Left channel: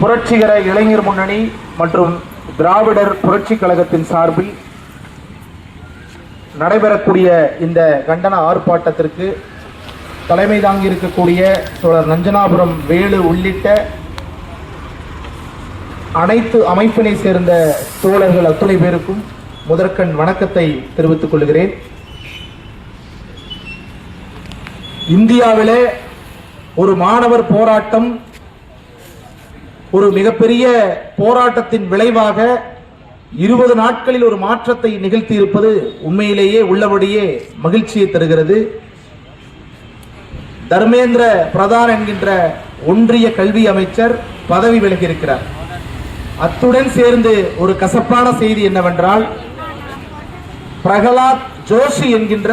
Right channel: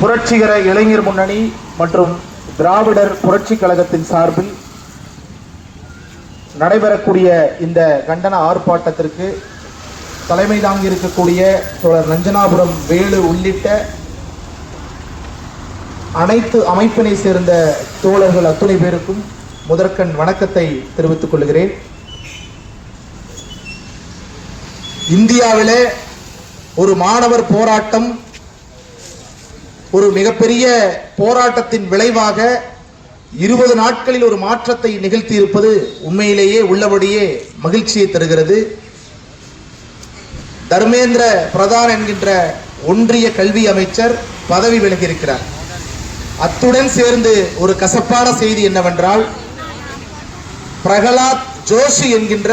புரட்சிகர இளைஞர் முன்னணி மற்றும் திராவிடர் புரட்சி கழகத்தின் சார்பில் நடைபெறக்கூடிய இந்த கண்டன ஆர்ப்பாட்டத்திற்கு தலைமை தாங்கி இருக்கக்கூடிய தோழர் நஞ்சனாபுரம் வேலு உள்ளிட்ட அனைத்து அமைப்பினை சேர்ந்த தோழர்கள் அத்துணை பேருக்கும் முதற்கண் வணக்கத்தை தெரிவித்துக் கொள்கிறேன். இந்தியாவிலே ஒரு மாணவர் போராட்டம், ஒரு மிகப்பெரிய போராட்டத்தின் விளைவாக 20 நாட்களில் ஒரு மாற்றத்தை நிகழ்த்தி இருப்பது உண்மையிலேயே உள்ளபடியே மகிழ்ச்சியை தருகிறது. தர்மேந்திர பிரதான் என்கின்ற ஒன்றிய கல்வி அமைச்சர் பதவி விலகி இருக்கிறார். அத்துடன் சேர்ந்து ஒரு கசப்பான செய்தி என்னவென்றால், பிரகலாத் ஜோஷி என்கின்ற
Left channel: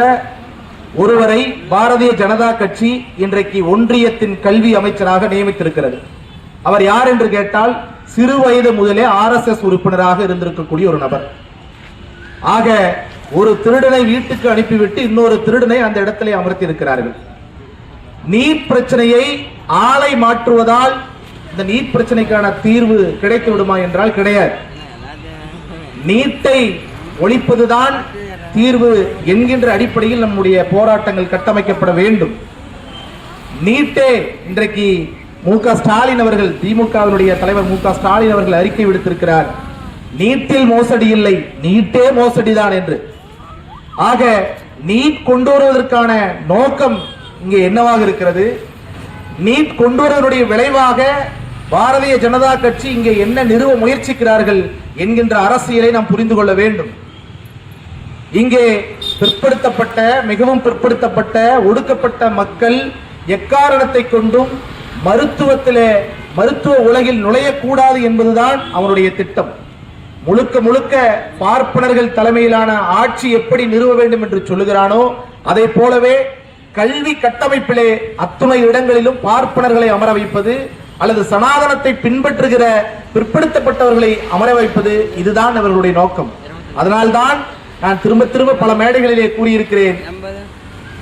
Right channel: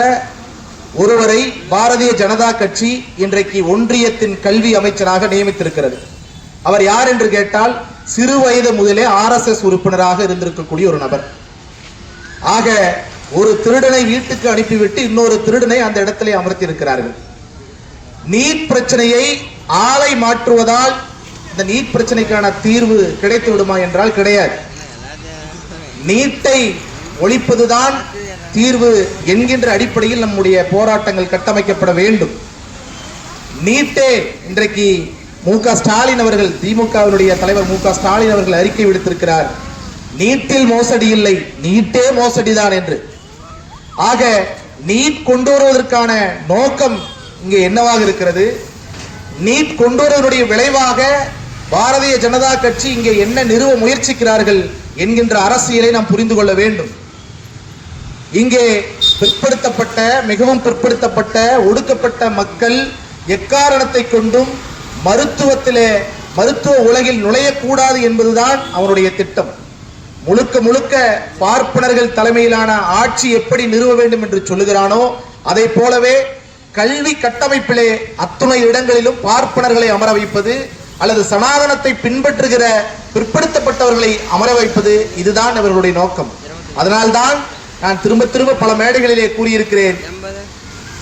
ஒருவரை பாரதிய ஜனதா கட்சி இன்றைக்கு ஒன்றியத்தின் கல்வி அமைச்சராக நியமித்திருக்கிறது. அவர் யார் என்று கேட்டால், சிறு வயது முதலே RSS உறுப்பினராக இருந்திருக்கக்கூடிய ஒரு நபர். ஆக ஒரு திருடனை வீட்டுக்கு அனுப்பிவிட்டு இன்னொரு திருடனை அந்த இடத்திலே அமர்த்தி இருக்கிறார்கள். நீட் பிரச்சனையை ஆளை மாற்றுவதால் இந்த நீட் பிரச்சனைக்கான தீர்வு கிடைத்து விடுமா என்றால் கிடையாது. நீட்டை ஒழிப்பதுதான் தீர்வு என்கின்ற அடிப்படையில் நம்முடைய போராட்டங்கள் கட்டமைக்கப்பட வேண்டும். நீட்டே இன்றைக்கு மு.க. ஸ்டாலின் அவர்கள், திமுகவினுடைய தலைவர் மு.க. ஸ்டாலின் அவர்கள் அறிக்கை விடுத்திருக்கிறார், நீட்டில் மோசடி இல்லை, நீட்டே மோசடிதான் என்று. ஆக நீட் கொண்டு வருவதற்கான நோக்கம் இங்கே என்னவாக இருக்கிறது? நீட் கொண்டு வருவதனுடைய விளைவாக பாரதிய ஜனதா கட்சி இங்கே என்ன நிறுவ முயற்சிக்கிறார்கள் என்கின்ற அரசியலை நாம் புரிந்து கொள்ள வேண்டும். இங்கே பிற்படுத்தப்பட்ட, மிகவும் பிற்படுத்தப்பட்ட, ஒடுக்கப்பட்ட மக்கள் எக்காரணத்தை கொண்டும் மருத்துவ உலகில் நுழையக்கூடாது என்பதுதான் அவருடைய திட்டம். முழுக்க முழுக்க பார்ப்பனர்கள் தலைமையிலான ஆட்சி எப்படி நிறுவ வேண்டும் என்று சொல்லுகிறானோ, அதை போலவே கல்வி கட்டமைப்பிலே அத்துணை இடங்களிலும் பார்ப்பனர்களை அமர வைப்பது அல்லது சனாதனத்தை பின்பற்றுகிற பிற்படுத்தப்பட்டவர்களை அமர வைப்பது, இதுதான் அவர்களுடைய நோக்கம். அதனால்தான் நான் திரும்ப திரும்ப பல மேடைகளிலே கூறியிருக்கிறேன்,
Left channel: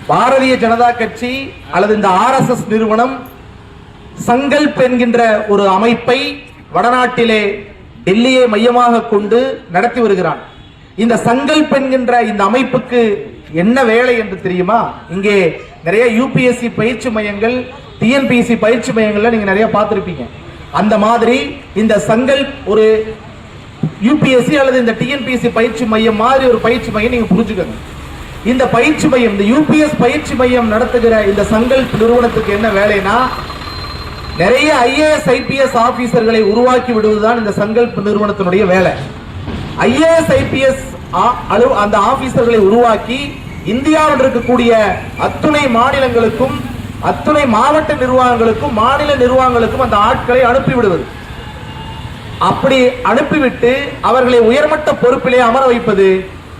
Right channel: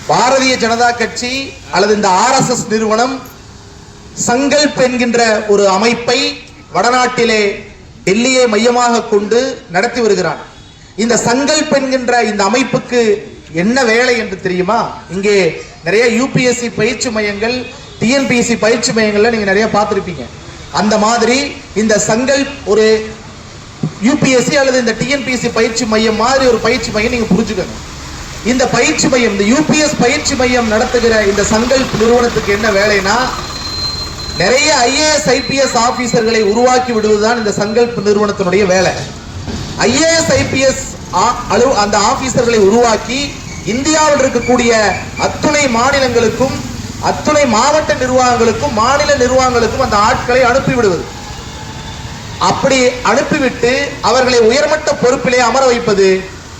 பாரதிய ஜனதா கட்சி அல்லது இந்த RSS நிறுவனம் சங்கல்ப் என்கின்ற ஒரு அமைப்பை வடநாட்டிலே டெல்லியை மையமாக கொண்டு நடத்தி வருகிறான். இந்த சங்கல்ப் என்கின்ற இந்த அமைப்புக்கு என்ன வேலை என்று தெரியுமா? இங்கே நிறைய UPSC பயிற்சி மையங்கள், TNPSC பயிற்சி மையங்கள்ல நீங்க நிறைய பார்த்திருப்பீங்க. அந்த மாதிரி இந்த சங்கல்ப் ஒரு UPSC அல்லது இந்த TNPSC பயிற்சி மையம் மாதிரி ஒரு பயிற்சி மையம் நீங்க புரிஞ்சுக்கணும். இந்த பயிற்சி மையம், இந்த UPS பயிற்சி மையம் நடத்துகிற இந்த சங்கல்ப் நிறுவனத்துக்கு என்ன வேலைனா, நிறைய IAS IPS ஆபீசர்களை உருவாக்கி விடுவதுதான் இந்த சங்கல்ப் நிறுவனத்தினுடைய வேலை. IAS IPS அந்த ஆபீசர்களை உருவாக்கி இந்தியாவில் இருக்கக்கூடிய அத்துணை மாநிலங்களுக்கும், அத்துணை மாவட்ட நிர்வாகங்களுக்கும், மாநில நிர்வாகங்களுக்கும் அந்த ஆட்களை அனுப்பிவிடுவது. அப்படி அனுப்பிவிட்டு அவர்களை உயர்மட்ட பொறுப்பிலே அமர வைப்பது.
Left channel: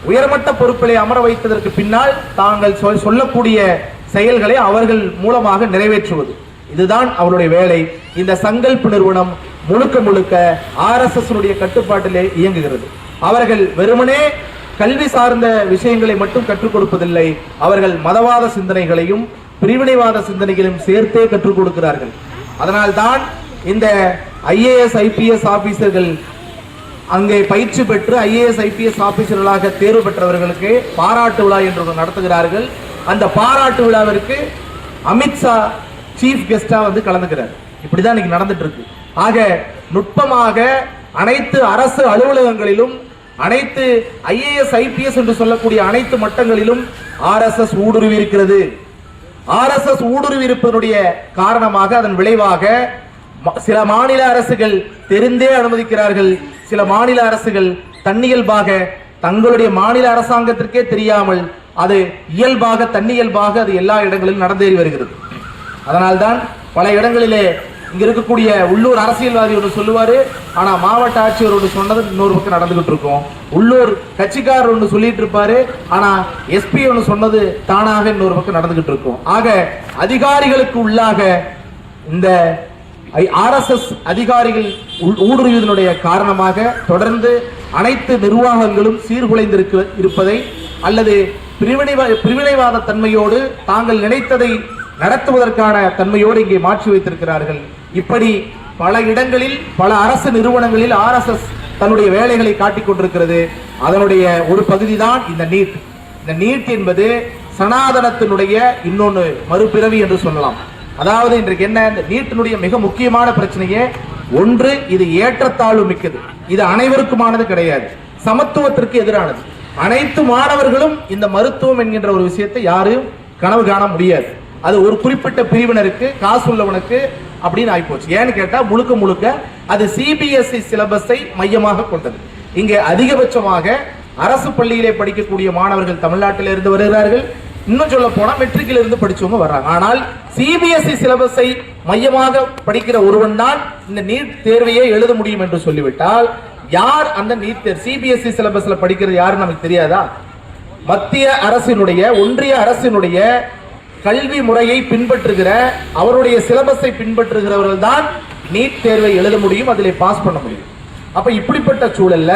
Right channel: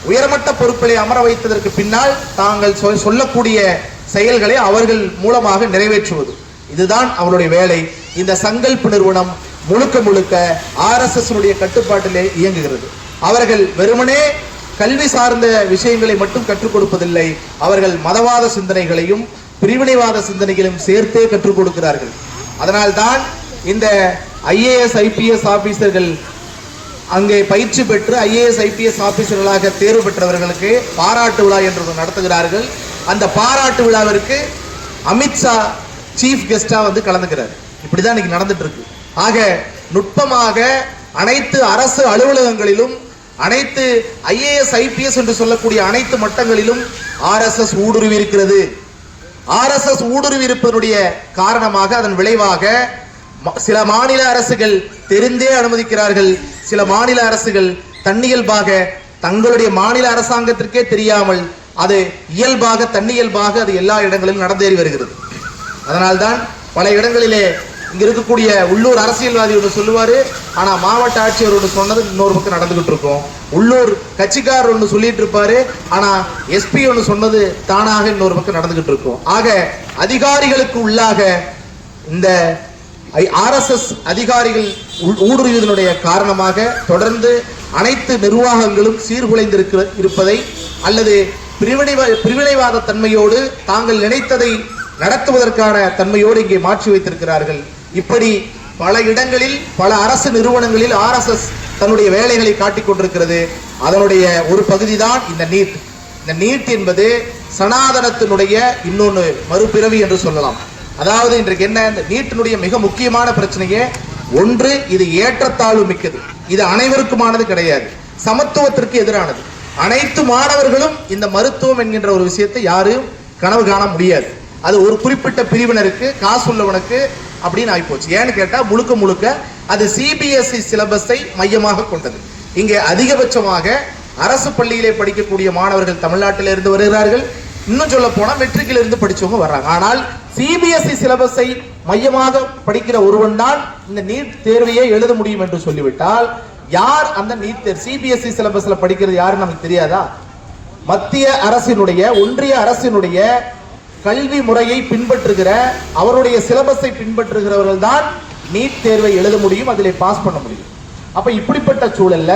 உயர்மட்ட பொறுப்பிலே அமர வைத்ததற்கு பின்னால் தாங்கள் சொல்லக்கூடிய செயல்களை அவர்கள் மூலமாக நிறைவேற்றுவது, இதுதான் அவருடைய வேலை. இந்த சங்கல்ப் நிறுவனம் முழுக்க முழுக்க RSS கட்டுப்பாட்டிலே இயங்குகிறது. அவர்கள் வெறுமனே கல்வி சார்ந்த விஷயங்களை மட்டும் கற்றுக் கொடுப்பதில்லை, அவர்கள் மதவாத சிந்தனைகளையும் பிரிவினைவாத சிந்தனைகளையும் சேர்த்தே கற்றுக் கொடுக்கிறார்கள். அதனால்தான் இந்த IAS IPS ஆபீசர்கள் அங்கே பயிற்சி பெற்று IAS IPS ஆபீசர்களாக தேர்வு பெற்றவர்களுக்கு பாராட்டு விழா என்று நடத்துகிறார்கள். அந்த பாராட்டு விழாவிற்கு அமித்ஷா சீஃப் கெஸ்டா வந்து கலந்துக்கிறார். இப்படிதான் இன்னைக்கு நடந்துட்டு இருக்கு. ஆக நுட்பமாக அனைத்து அரசு அலுவலகங்களிலும், அனைத்து IAS IPS என்று சொல்லக்கூடிய அனைத்து மட்டங்களிலும் RSS ஊடுருவி இருக்கிறது. RSS ஊடுருவி இருப்பதனுடைய காரணமாக, அதன் விளைவாக சில மாநில அரசுகள் தெரிந்தே அனுமதிக்கிறார்கள், சில மாநில அரசுகள் தன்னியல்பாக தங்களுடைய மாநில அரசாங்கத்திற்கே தெரியாமல் அது இயல்பாக தன்னியல்பாக அது எல்லா இடங்களிலும் நடந்தேறி வருகிறது. அதனால்தான் பல இடங்களிலே இங்க இருக்கக்கூடிய உள்ளூர் அரசியல்வாதி ஒன்று சொல்லுவாரு, ஆனா மாவட்ட ஆட்சியர் ஒன்று சொன்னது இன்னொரு பக்கம் நடந்துகிட்டு இருக்கும். உள்ளூர் கட்சிக்காரர் ஒன்று சொல்லிட்டு இருப்பாரு, ஆனா SP ஒன்று சொன்னது தானாக இன்னொரு பக்கம் நடந்துகிட்டு இருக்கும். ஆக அதிகாரிகளுக்கு உள்ளாக இந்த RSS அதிகாரிகள் ஊடுருவியதனுடைய காரணமாக தொடர்ந்து அனைத்து நிர்வாகங்களும் சீர்குலைந்து இருப்பதை அல்லது பிரிவினைவாத தன்மையோடு தாங்கள் நினைத்ததை நடத்துவதற்கான தன்மையோடு இங்கே மாற்றி வைத்திருக்கிறார்கள். இப்படி பல இடங்களில் பல அரசு நிறுவனங்களில் RSS தன்னுடைய வேலைகளை காட்டிக் கொண்டிருக்கிறது. அதனுடைய ஒரு பகுதி தான் இந்த நீட். இந்த நீட் என்பது சனாதனத்தினுடைய இன்னொன்று மறுபிறவி என்று சொல்லலாம். அதாவது இன்றைக்கு என்ன, இந்த நீட்டினுடைய மிக முக்கியமான பிரச்சனையே ஒன்று, இது ஏற்றத்தாழ்வு மிக்கது. இது அனைவருக்குமானது கிடையாது, சமத்துவத்திற்கு எதிரானது. அனைத்து மாணவர்களும் இந்த மருத்துவம் என்கின்ற ஒரு விஷயத்தை யாரும் கனவு காண முடியாது. அது ஒரு குறிப்பிட்ட பிரிவினருக்கு, காசு உள்ளவனுக்கு அப்படின்னு ஆகிப்போச்சு. ஏன்னு கேட்டா முழுக்க முழுக்க அது CBSE சிலபஸை மையமாக கொண்டது. இங்கே அதிகபட்சமாக அரசு பள்ளியிலே படிக்கக்கூடிய மாணவர்கள் தமிழ்நாட்டில் இருந்து வருகிறார்கள். இன்னும் சொல்ல போனா மெட்ரிக்கில் இருந்து படிச்சவங்க வர்றாங்க. ஆனால் CBSE சிலபஸை மையமாக படிக்கிற ஒருவன் தான் இந்த நீட் தேர்வையே எழுத முடியும் என்று சொல்லிவிட்டால், யார் அந்த நீட் தேர்வு CBSE சிலபஸ்ல படிக்கிறது யாருன்னு நமக்கு தெரியாதா? மத்திய அரசினுடைய, ஒன்றிய அரசினுடைய கல்வி முறையை பின்பற்றுகிற, அவருடைய சிலபஸை பின்பற்றுகிறவர்கள் தான் நீட் தேர்வை எழுத முடியும், அதிலே பாஸ் பண்ண முடியும். அப்ப இப்படிப்பட்ட சூழல்ல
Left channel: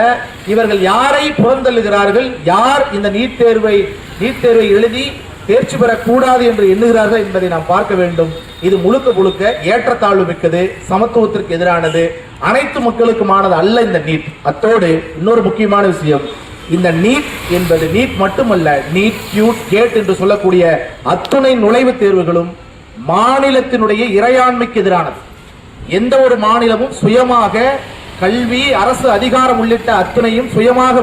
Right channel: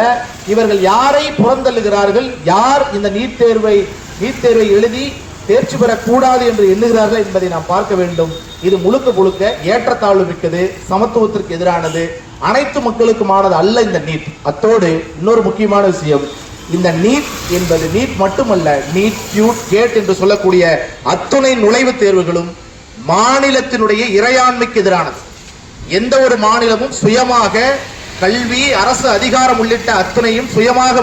இவர்கள் யாரை புறந்தள்ளுகிறார்கள், யார் இந்த நீட் தேர்வை எழுதி தேர்ச்சி பெறக்கூடாது என்று எண்ணுகிறார்கள் என்பதை நாம் பார்க்க வேண்டும். இது முழுக்க முழுக்க ஏற்றத்தாழ்வு மிக்கது, சமத்துவத்திற்கு எதிரானது, அனைத்து மக்களுக்குமானது அல்ல இந்த நீட். அத்தோடு இன்னொரு முக்கியமான விஷயம், இந்த நீட் என்பது நீட் மட்டுமல்ல, நீட், கியூட், கேட் என்று சொல்லக்கூடிய அத்துணை நுழைவுத் தேர்வுகளும் மாநிலத்தினுடைய இறையாண்மைக்கு எதிரானது. எந்த ஒரு மாநிலமும் சுயமாக கல்வி, அரசு அதிகாரம் உள்ளிட்ட அத்தனையும் சுயமாக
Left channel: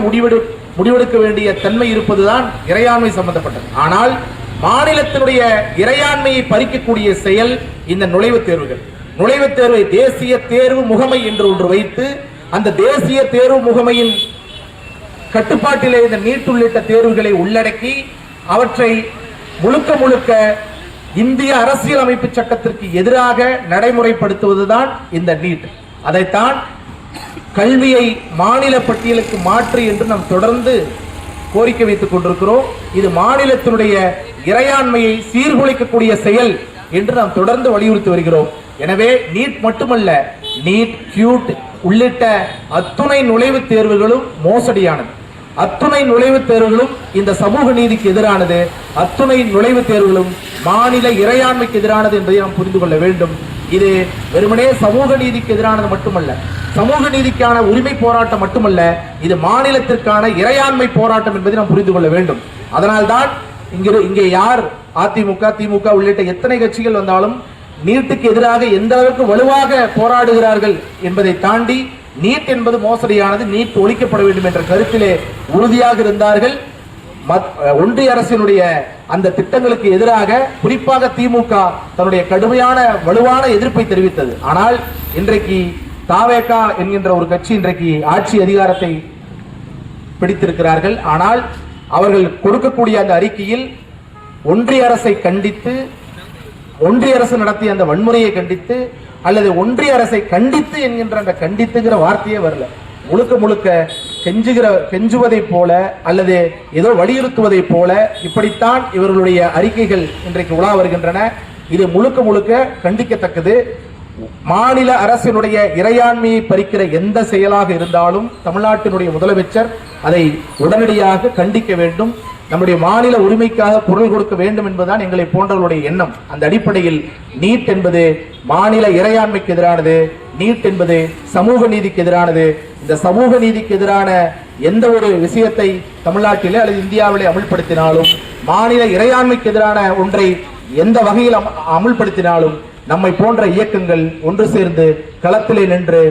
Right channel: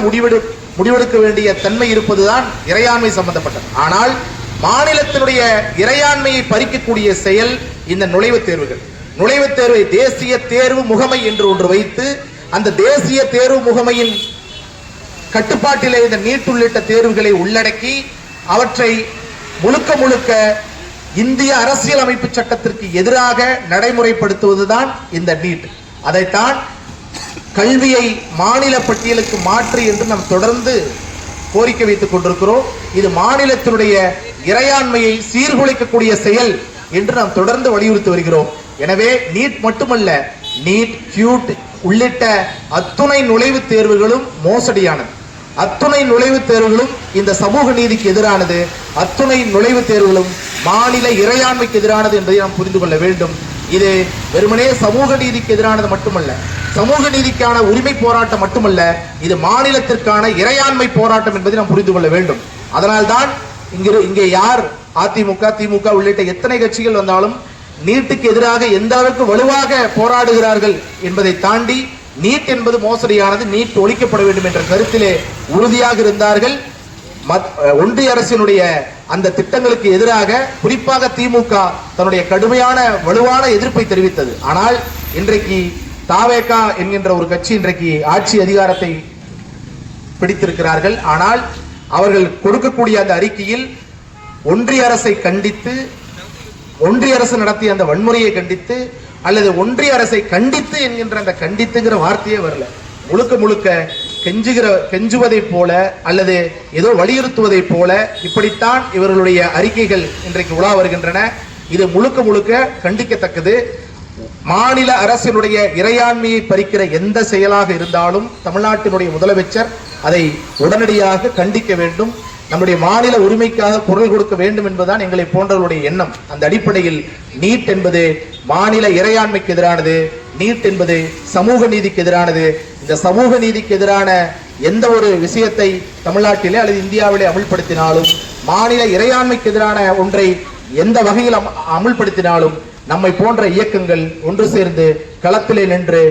முடிவெடுக்க வேண்டிய தன்மை இருப்பதுதான் இறையாண்மை சம்பந்தப்பட்டது. ஆனால் மாநிலத்தினுடைய இறையாண்மையை பறிக்கக்கூடிய செயல் இந்த நுழைவுத் தேர்வுகள். நுழைவுத் தேர்வை தேசிய தேர்வு முகமை என்று ஒன்று வைத்து, அந்த தேசிய தேர்வு முகமையின் கட்டுப்பாட்டிலே இந்த நீட் உள்ளிட்ட தேர்வுகளை உள்ளடக்கி அவற்றை முழுக்க முழுக்க இந்திய அரசியலமைப்பு சட்டத்திற்கு எதிராக நடைமுறைப்படுத்துவதுதான் இந்த நீட். அதைத்தான் கல்வியை மாநில பட்டியலுக்கு மாற்று என்று நாம் தொடர்ந்து கோரிக்கை வைத்துக் கொண்டிருக்கிறோம். இது மாநிலத்தினுடைய இறையாண்மையை சீர்குலைக்கக்கூடிய செயல் என்று நாம் தொடர்ந்து வலியுறுத்தி வருகிறோம். எனவே நீட் மட்டுமல்ல, நீட், கியூட் உள்ளிட்ட அத்துணை நுழைவுத் தேர்வுகளும் மோசடியானது. அத்துணை நுழைவுத் தேர்வுகளும் இந்த சமூக நீதிக்கு எதிரானது. அத்துணை நுழைவுத் தேர்வுகளும் மாநில இறையாண்மைக்கு எதிரானது என்பதை நாம் புரிந்து கொள்ள வேண்டும். இது வெறுமனே சமூக நீதிக்கு எதிரானது மட்டுமல்ல, சமூக நீதிக்கான உரிமை போராட்டம் மட்டுமல்ல, இது மாநிலத்திற்கான இறையாண்மை போராட்டம் என்பதை நாம் புரிந்து கொள்ள வேண்டும். அதனால்தான் இங்கே யார் அதிமுக, திமுக உள்ளிட்ட எத்தனை கட்சிகள் வந்தாலும் நீட்டுக்கு எதிராக எந்த அளவுக்கு வலுவாக போராடுகிறார்கள் என்பதை தாண்டி நீட் என்பது மோசடியானது, நீட் ஒழிக்கப்பட வேண்டும் என்ற கருத்திலே உறுதியாக இருந்தார்கள். ஒன்றிய அரசினுடைய அந்த திட்டங்களுக்கு எதிராக குறிப்பாக திமுக தன்னுடைய கடுமையான வலுவான எதிர்ப்பை தெரிவித்தது. ஆனால் இன்றைக்கு தாவேகா என்கின்ற ஒரு கட்சி இன்றைக்கு ஆட்சி அதிகாரத்தை பிடித்திருக்கிறார்கள். ஆனால் அவர்கள் கொடுக்கக்கூடிய அந்த அறிக்கையில் ஒன்றிய அரசை கண்டித்து, ஒன்றிய அரசு நடத்திய அந்த வன்முறையை கண்டித்து, அல்லது ஒன்றிய அரசை கண்டித்து என்கின்ற அந்த கண்டித்துங்கிற வார்த்தையே வரல. முழுக்க முழுக்க கெஞ்சுவதை போல அல்லது ஏதோ வலியுறுத்துவதை போல இப்படித்தான் இவர்களுடைய அறிக்கைகள் இன்றைக்கு உலா வருகின்றன. இது முழுக்க முழுக்க கண்டிக்கத்தக்கது. மாநில அரசினுடைய இறையாண்மையை பறிக்கிற எந்த செயலாக இருந்தாலும் தமிழ்நாட்டினுடைய முதலமைச்சர் அதை உடனடியாக கண்டிக்க வேண்டும். நம்முடைய மாநில உரிமைக்காக குரல் கொடுக்க வேண்டும் என்பதுதான் எங்களை போன்றவர்களுடைய எண்ணம். அந்த அடிப்படையில் நீட் என்பது மாநில இறையாண்மைக்கு எதிரானது, நீட் என்பது சமூக நீதிக்கு எதிரானது. இந்த சமூக நீதிக்கு எதிரான எந்த ஒரு விஷயத்தை தமிழ்நாட்டிலே அல்லது இந்தியாவிலே அமுல்படுத்தினாலும், மாநில இறையாண்மைக்கு எதிரான ஒன்றை எந்த வகையில் அமுல்படுத்தினாலும் நம்மை போன்ற இயக்கங்கள் ஒன்று சேர்ந்து களத்திலே நின்று